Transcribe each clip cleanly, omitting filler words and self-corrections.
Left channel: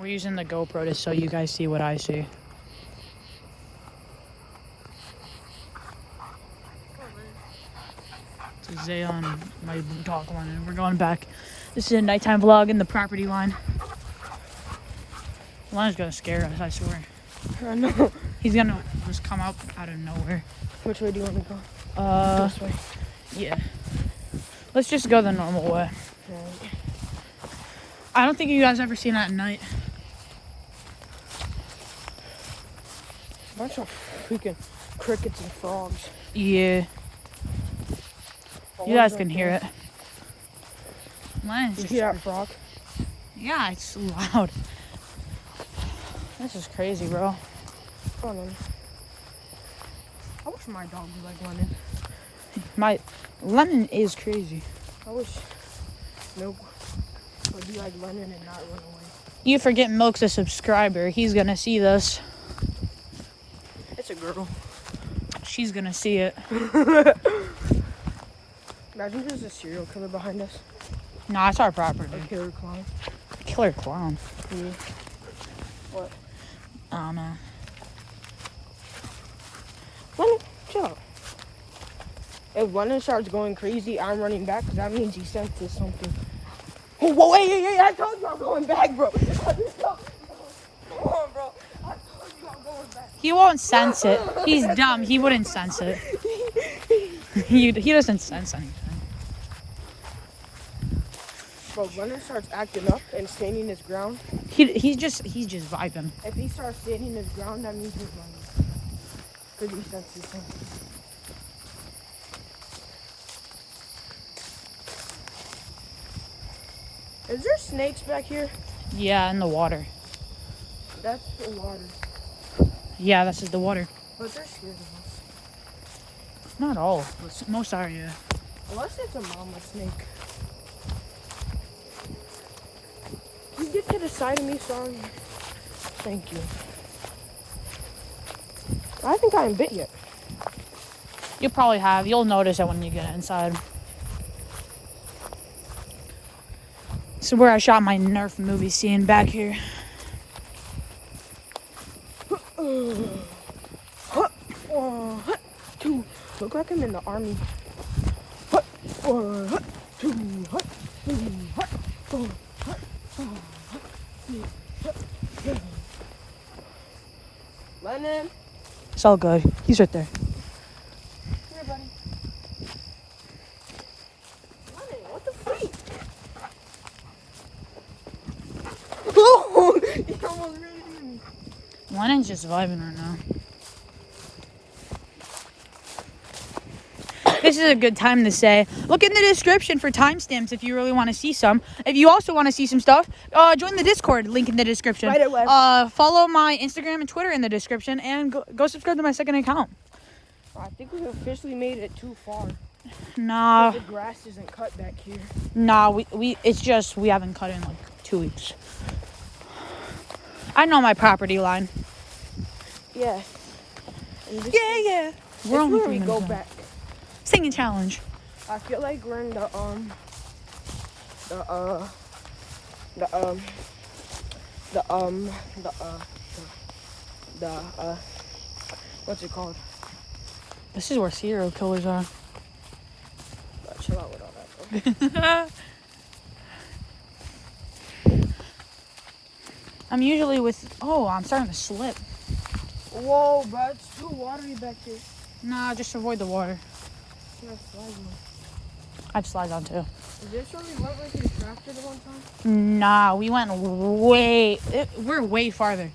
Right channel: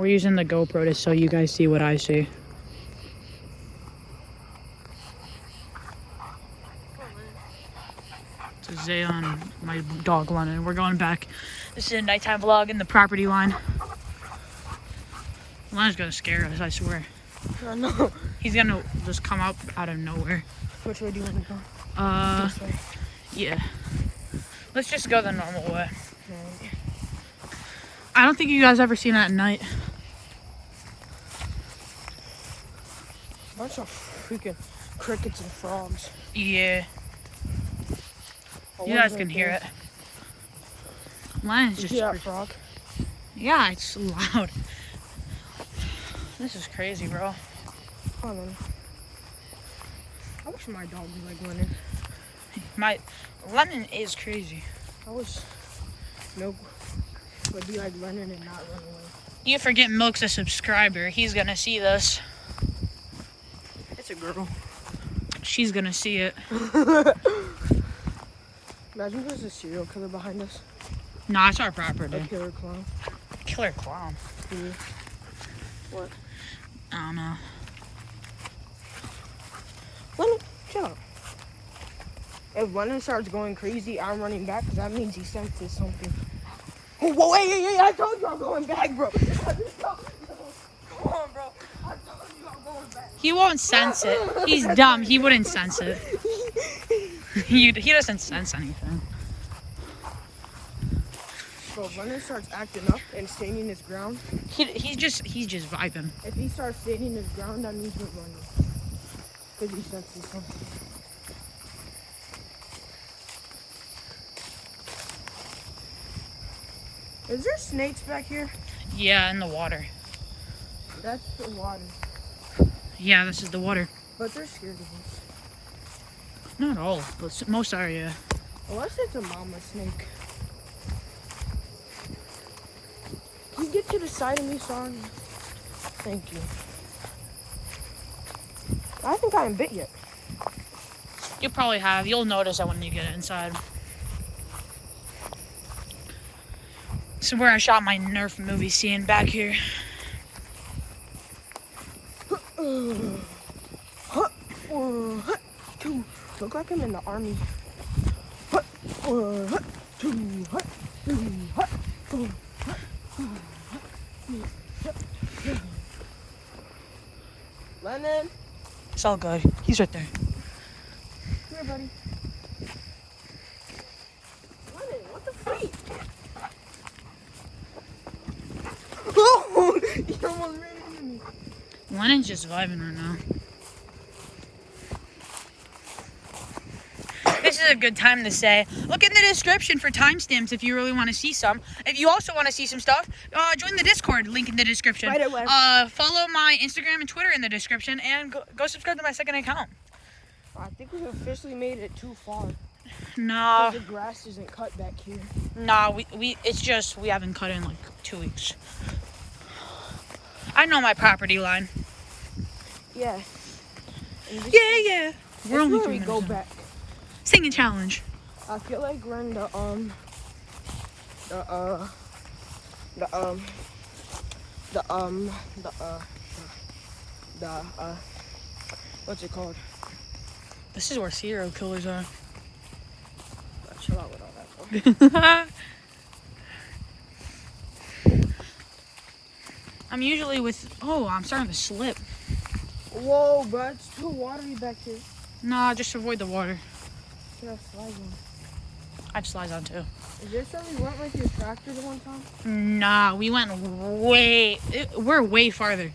We're using the GoPro to so you guys see what I see. It's Zayon and my dog Lennon. We're going back. This is a nighttime vlog in the property line. Lennon's gonna scare us, I swear. Oh, no. He's gonna just come out of nowhere. Which way do you want to go? This way. Yeah. Let's just go the normal way. Right. I don't think you guys ever seen that at night. Bunch of freaking crickets and frogs. Yeah. You guys can hear it. Lion's just... You hear that frog? Yeah, it's loud. This is crazy, bro. Come on, man. I wish my dog was like Lennon. Lennon is crazy. I wish Milk would be like Lennon and not run away. You forget Milk's a subscriber. He's gonna see this. It's a girl. She's gonna see it. Imagine there's a serial killer behind us. Nah, it's our property. A killer clown. Killer clown. What? I don't know. Lennon, chill out. If Lennon starts going crazy, I'm running back because that means he senses something. Oh, whoa, hey, I told you I'm going back, bro. Come on, bro. I told you I'm going back. He won't sense it. He's dumb. He wouldn't sense it. He doesn't sense anything. Bro, if Lennon starts acting up and standing his ground, He's just vibing. if he starts standing his ground, that means he's running. Because he senses something. Is there snakes back here? Yeah, in the water. That's the water. Yeah, this is the water. But they're scared of us. Not all. But most are, yeah. Unless it's a mama snake. Can you get to the side of me, son? Thank you. I think I haven't bit yet. You probably have. You'll notice it when you get inside. This is where I shot my Nerf movie scene back here. Look like I'm in the army. Lennon. It's all good. He's right there. Come here, buddy. Lennon, what the freak? Oh, you almost ran into me. Lennon's just vibing right now. This is a good time to say, look in the description for timestamps if you really want to see some. If you also want to see some stuff, join the Discord, link in the description. Right away. Follow my Instagram and Twitter in the description, and go subscribe to my second account. I think we've officially made it too far. Nah, The grass isn't cut back here. nah, it's just we haven't cut in like 2 weeks. I know my property line. Yeah. Yeah. We're only 3 minutes in. Singing challenge. I feel like we're in what's it called? This is where serial killers are. Chill out with all that, bro. I'm usually with. Oh, I'm starting to slip. Whoa, bro, it's too watery back here. Nah, just avoid the water. Should have slides on. I have slides on too. Is this where we went with your tractor the one time? Nah, we went we're way farther.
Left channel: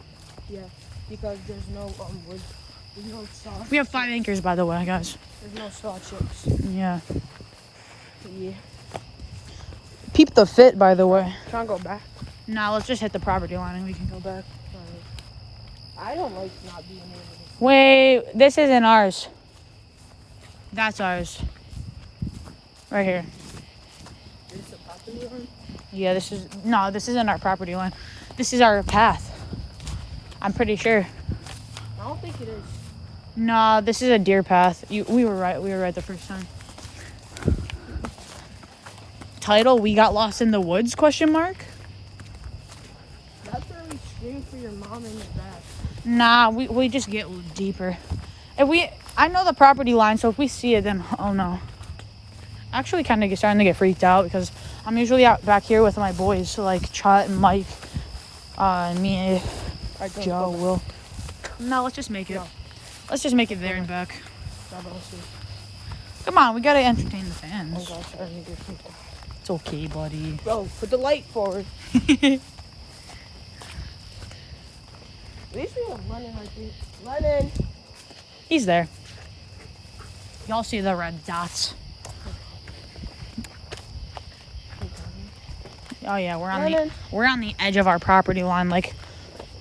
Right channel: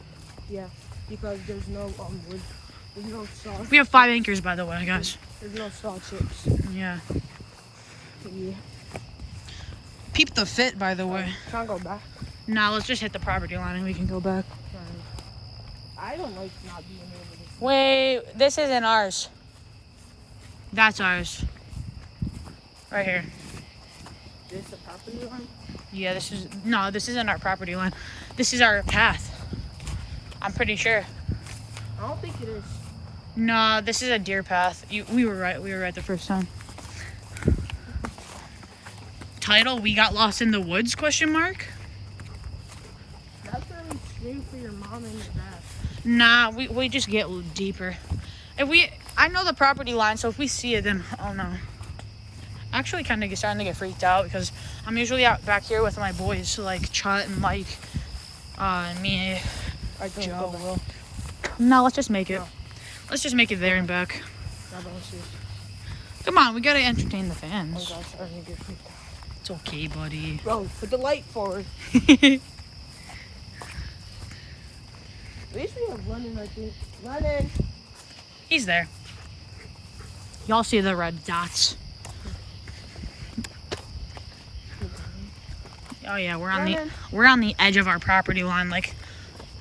Yeah, because there's no wood. There's no salt. We have 5 acres, by the way, guys. There's no salt chips. Yeah. Yeah. Peep the fit, by the way. Can't go back. Nah, let's just hit the property line and we can go back. I don't like not being able to. Wait, this isn't ours. That's ours. Right here. This a property line? Yeah, this isn't our property line. This is our path. I'm pretty sure. I don't think it is. Nah, this is a deer path. We were right the first time. Title, we got lost in the woods, question mark? That's where we for your mom in the back. Nah, we just get deeper. I know the property line, so if we see it, then oh no. Actually, kind of starting to get freaked out because I'm usually out back here with my boys, so like Chut and Mike, me, Joe, Will. No, let's just make it. Let's just make it there and back. Come on, we gotta entertain the fans. It's okay, buddy. Bro, put the light forward. At least we have Lennon right there. Lennon! He's there. Y'all see the red dots? Oh yeah, we're on the edge of our property line. Like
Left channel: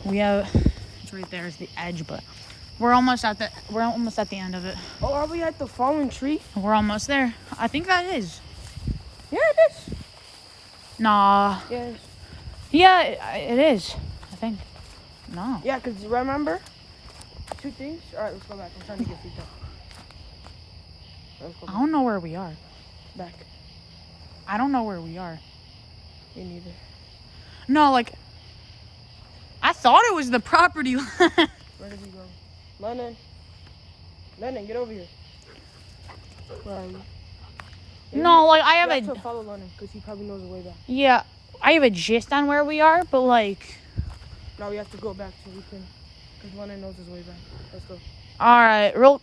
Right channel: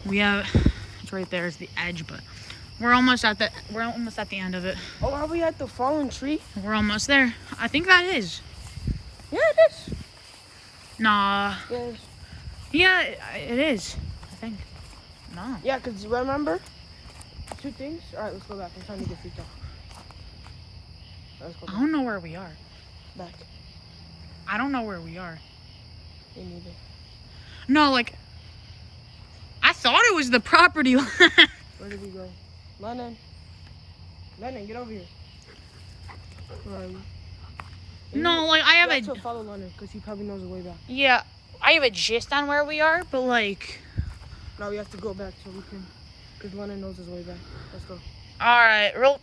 it's right there is the edge, but we're almost at the end of it. Oh, are we at the fallen tree? We're almost there. I think that is. Yeah, it is. Nah. Yes. Yeah, it is. I think. No. Yeah, because you remember? 2 things? Alright, let's go back. I'm trying to get freaked out. Let's go I back. don't know where we are. Back. I don't know where we are. Me neither. No, like I thought it was the property line. Where did we go? Lennon. Lennon, get over here. Where are you? No, like I have We have a to follow Lennon because he probably knows the way back. yeah, I have a gist on where we are, but like Now we have to go back so we can, because Lennon knows his way back. Let's go. all right, real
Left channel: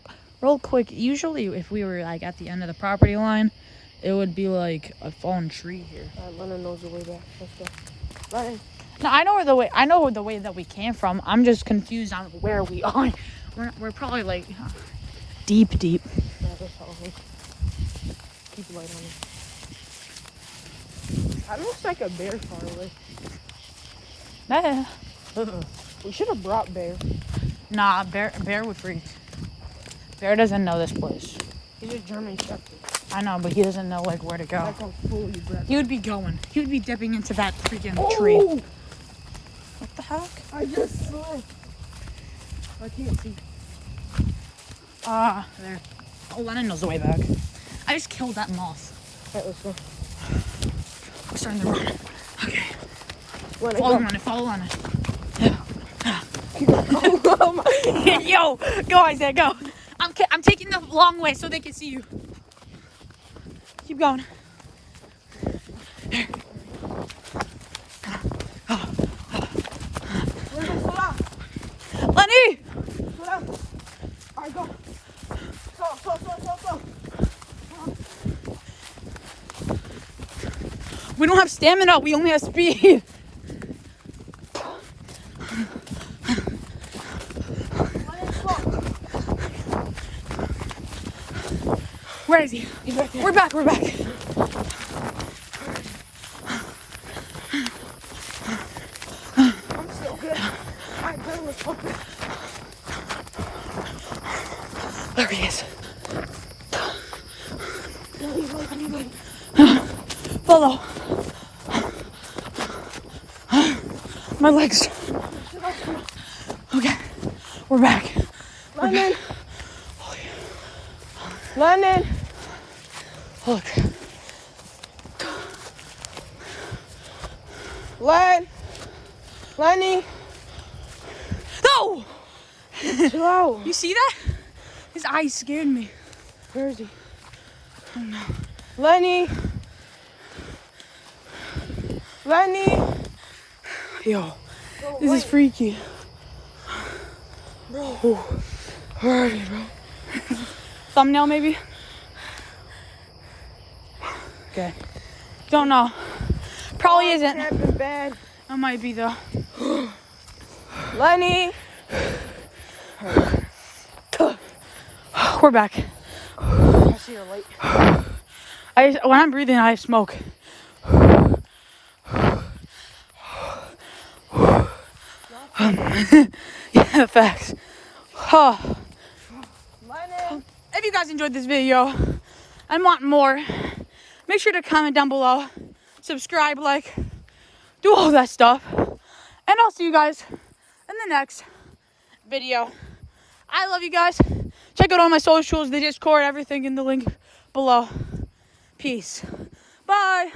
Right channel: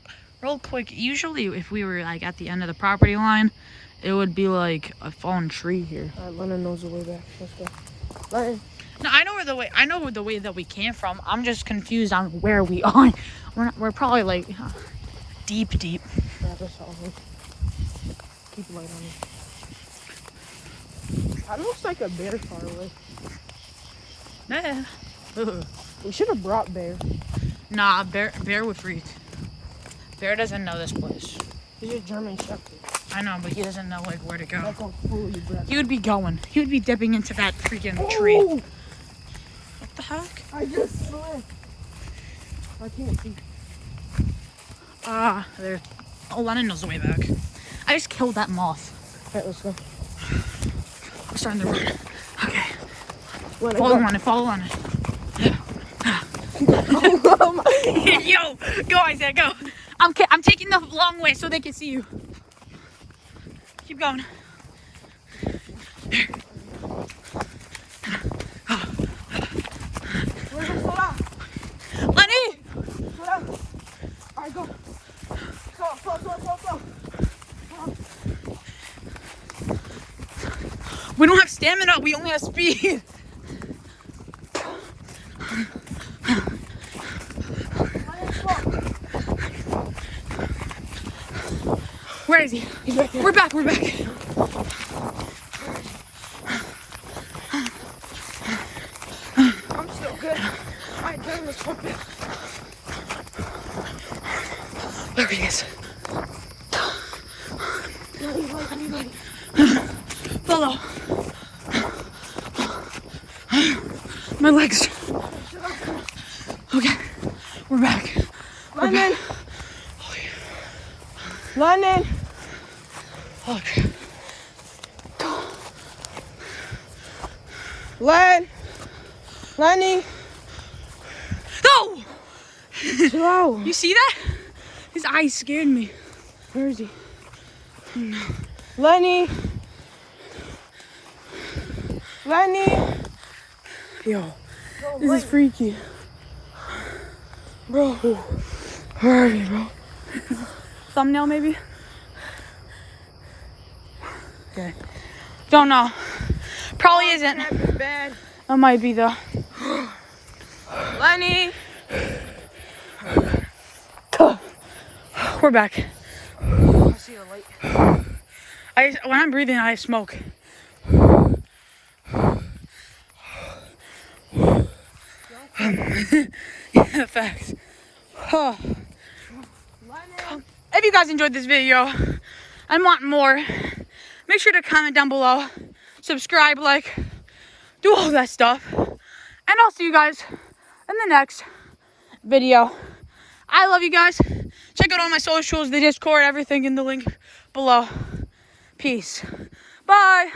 quick. Usually, if we were like at the end of the property line, it would be like a fallen tree here. Lennon knows the way back. Let's go. Lennon. No, I know the way that we came from. I'm just confused on where we are. We're probably like deep. Yeah, that's all. Keep light on it. That looks like a bear far away. We should have brought Bear. Nah, bear would freak. Bear doesn't know this place. He's a German Shepherd. I know, but he doesn't know like where to go. That's how cool you brought. He would be going. He would be dipping into that freaking tree. Oh! What the heck? I just slipped. I can't see. There. Oh, Lennon knows the way back. I just killed that moth. Okay, let's go. I'm starting to run. Okay. Lennon, Follow on it. go. Yo, go Isaiah, go. I'm taking the long way so they can see you. Keep going. Lenny! Slow down. Alright, go. Slow. We don't have stamina, we only have speed. Where is he? He's right there. We're back. I'm still good. Alright, then let's go. There he is. Follow. My legs. Okay, we're back. Lennon. Lennon. Look. Lenny. No! Slow. You see that? His eyes scared me. Where is he? Oh no. Lenny. Yo, this is freaky. Bro. Where are you, bro? Thumbnail, maybe? Okay. Don't know. Probably isn't. Bad. That might be though. Lenny. We're back. I see your light. When I'm breathing, I smoke. Yeah, facts. Oh. Lennon. If you guys enjoyed this video and want more, make sure to comment down below, subscribe, like, do all that stuff. And I'll see you guys in the next video. I love you guys. Check out all my socials, the Discord, everything in the link below. Peace. Bye.